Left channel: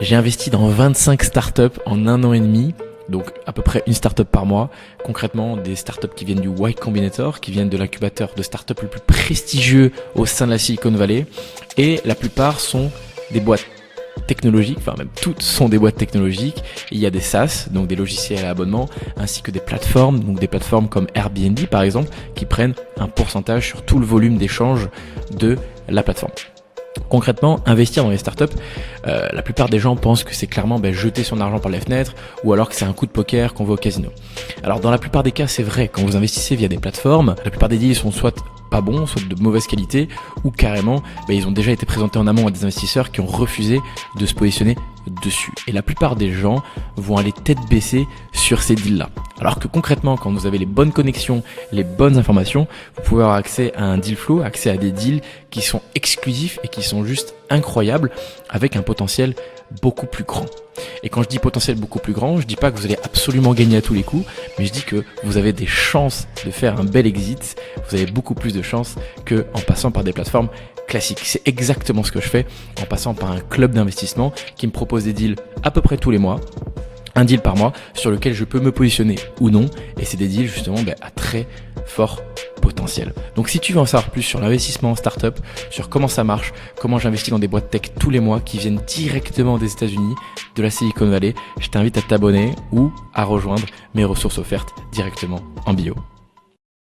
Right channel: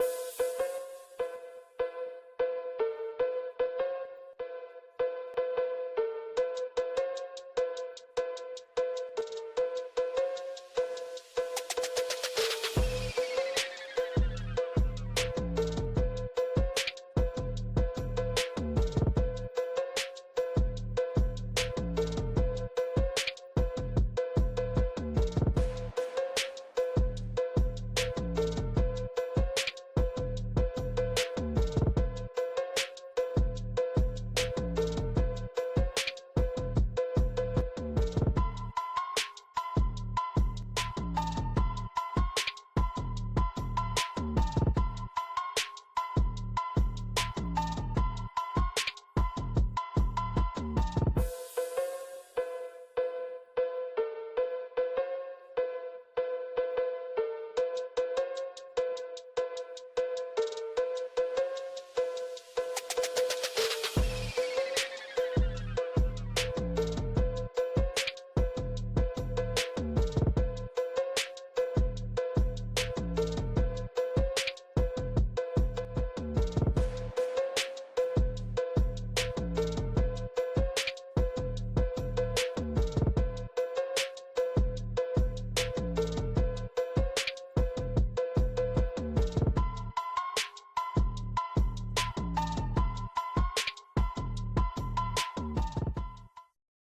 J'ai investi dans 25 startups en 1 an et demi, donc à peu près une startup par mois. Concrètement, des startups qui viennent du Y Combinator, qui viennent de l'incubateur de startups le plus prestigieux au sein de la Silicon Valley. Et la plupart sont des boîtes technologiques, enfin même toutes sont des boîtes technologiques. Il y a des SaaS, donc des logiciels à abonnement, ainsi que des plateformes, donc des plateformes comme Airbnb par exemple, qui prennent un pourcentage sur tout le volume d'échange de la plateforme. Concrètement, investir dans les startups, la plupart des gens pensent que c'est clairement jeter son argent par les fenêtres ou alors que c'est un coup de poker qu'on va au casino. Alors dans la plupart des cas, c'est vrai, quand vous investissez via des plateformes, la plupart des deals sont soit pas bons, soit de mauvaise qualité ou carrément ils ont déjà été présentés en amont à des investisseurs qui ont refusé de se positionner dessus. Et la plupart des gens vont aller tête baissée sur ces deals-là. Alors que concrètement, quand vous avez les bonnes connexions, les bonnes informations, vous pouvez avoir accès à un deal flow, accès à des deals qui sont exclusifs et qui sont juste incroyables avec un potentiel beaucoup plus grand. Et quand je dis potentiel beaucoup plus grand, je dis pas que vous allez absolument gagner à tous les coups, mais je dis que vous avez des chances de faire un bel exit, vous avez beaucoup plus de chances qu'en passant par des plateformes classiques. C'est exactement ce que je fais en passant par un club d'investissement qui me propose des deals à peu près tous les mois, un deal par mois sur lequel je peux me positionner ou non, et c'est des deals justement à très fort potentiel. Donc si tu veux en savoir plus sur l'investissement en startup, sur comment ça marche, comment j'investis dans des boîtes tech tous les mois qui viennent directement des États-Unis, de la Silicon Valley, je t'invite à t'abonner ou à rejoindre mes ressources offertes directement en bio.